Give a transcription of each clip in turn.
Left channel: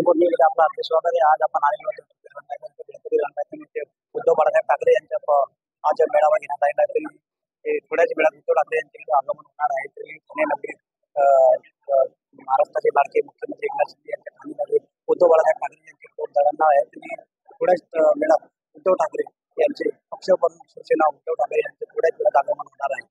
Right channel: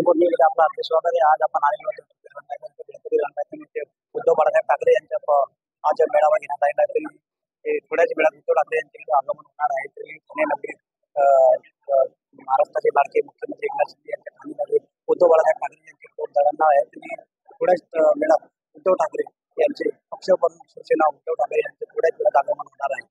वटपौर्णिमेला आपला हार्दिक स्वागत आहे। आज आपण आलेलो आहोत गणपती रंगायतनिमित्त उद्धव बाळासाहेब ठाकरे यांच्या आज मेळावा घेण्यात आलेला आहे। तरी थोड्याच वेळात उद्धव ठाकरे यांचे आगमन होणार आहे। तरी पुणे नगरीत महाराष्ट्राचे लाडके मुख्यमंत्री एकनाथ शिंदे यांच्या ठाणे नगरीत उद्धव बाळासाहेब ठाकरे यांचे खूप दळणवळण आहे। तरी थोड्याच वेळात उद्धव ठाकरे यांचे पक्षप्रमुख शिवसेना उद्धव ठाकरे यांचे थोड्याच वेळात आगमन होणार आहे।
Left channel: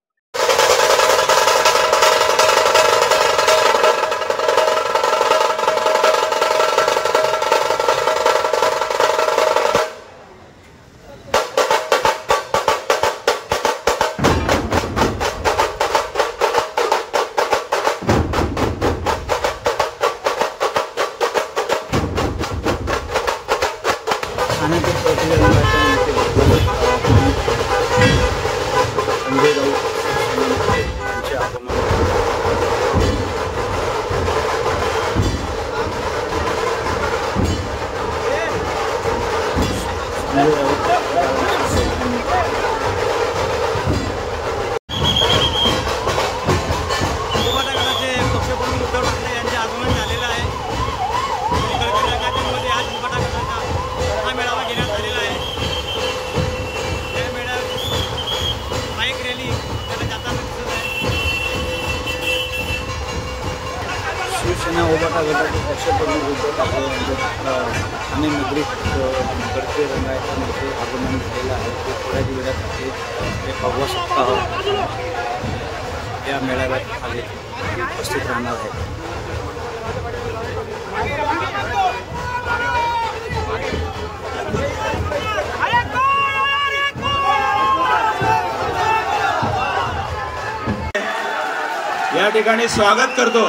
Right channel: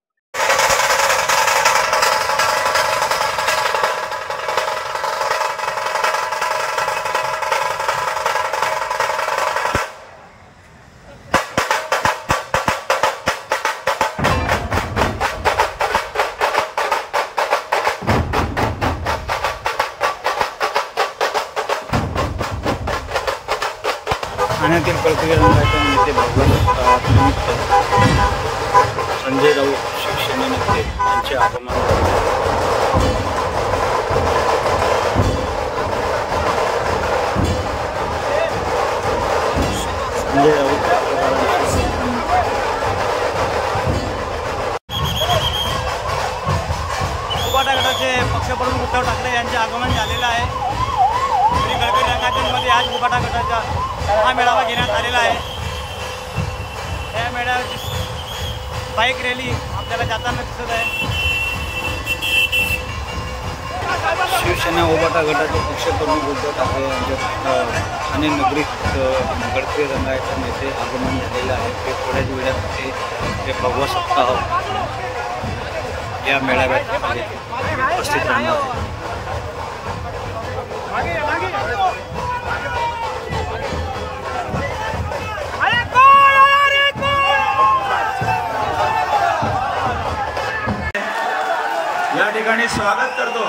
ठाण्यातील कळकली रंगायतन नेते भगवान निमित्त संजय राऊत शिवसेनेमध्ये यांचे आगमन झाले आहे। संजय राऊत पत्रकारांशी बोलताना उभाटा गटाचे पक्षप्रमुख उद्धव ठाकरे यांचे आगमन झालेलं आहे। कळकली रंगायतमध्ये आज उभाटा गटाचा हा मेळावा घेण्यात आलेला आहे। या मेळाव्याची बाईक रॅली आपल्याला जाताना दिसत आहे। शिवसेना उभाटा गटाचे पक्षप्रमुख उद्धव ठाकरे यांचे ठाणे नगरीत कळकली रंगायतन येथे आगमन झालेलं आहे। ते थोड्याच वेळात ते भगवा सप्ताह या मेळाव्यात आले उपस्थित राहणार आहेत। या ठिकाणी स्वागत करतो।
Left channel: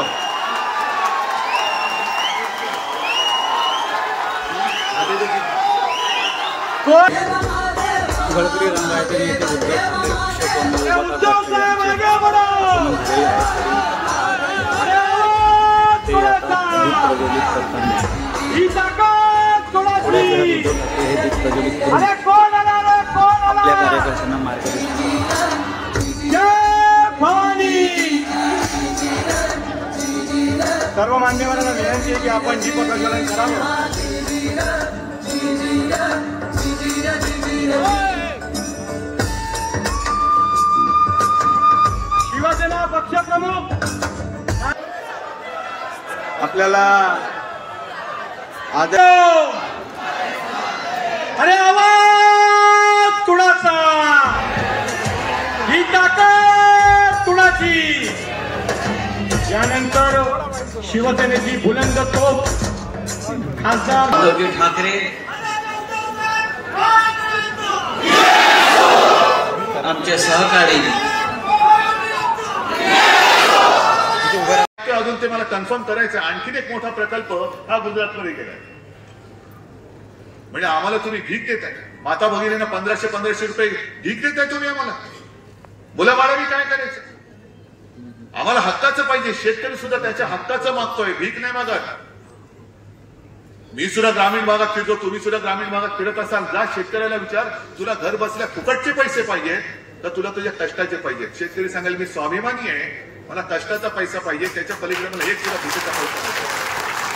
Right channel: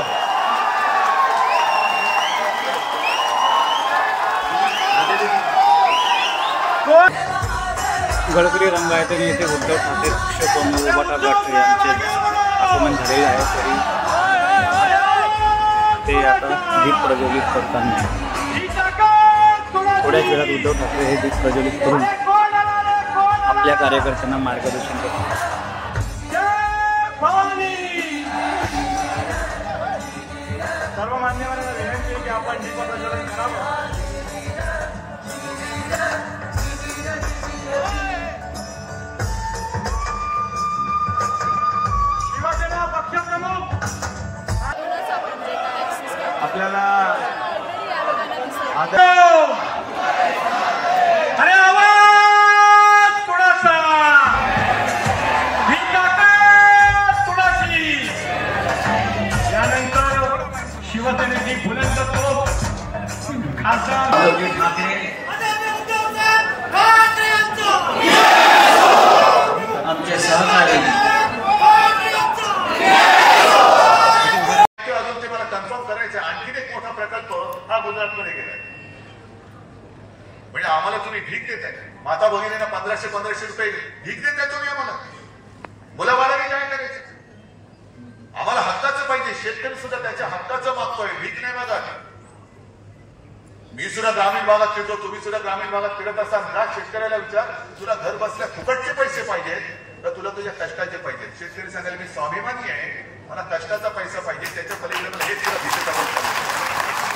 कळकली रंगायतन येथे उद्धव ठाकरे पक्षप्रमुख उभाटा गट यांचे आगमन झालेले आहे। तरी ते आता दीप प्रज्वलित करताना थोड्याच वेळात उद्धव ठाकरे हे दीप प्रज्वलित करून आपल्या कार्यकर्त्यांना मार्गदर्शन करतात। सर्व मान्यवरांना विनंती आहे की आपण दीप प्रज्वलन करावे। शिवसेना पक्षप्रमुख आपल्याला अरे आवाज तुळाचा ही ताकद तुळाची। त्यानंतर शिवसेनेची बुलंद तोफ खासदार उद्धव ठाकरे आमचे सहकारी अजून ते मला कन्फर्म करायचं। आणखीन एक मोठा प्रकल्प हा गुजरातमध्ये गेला। म्हणजे आम्हाला तुम्ही भीक देताय, माता भगिनींना 1500 रुपये भीक देताय तुम्ही आम्हाला। मुलाबाळांनी काय करायचं? आम्हाला हक्काचं पाहिजे। शेतकरी सुद्धा त्याच्या हक्काचं मागतोय, भीक नाही मागत। मी सुद्धा ग्रामीण भागात फिरतो, तुम्ही सुद्धा ग्रामीण भागात फिरत असाल। जा शेतकऱ्याला विचार, तुला घर बसल्या फुकटचे पैसे पाहिजे तर तुला तुझ्या कष्टाचे पाहिजे? शेतकरी सांगायला मी स्वाभिमानी आहे, मला कष्टाचा पैसा पाहिजे, त्याच्या पलीकडे मला एक सुद्धा भीकेचा पैसा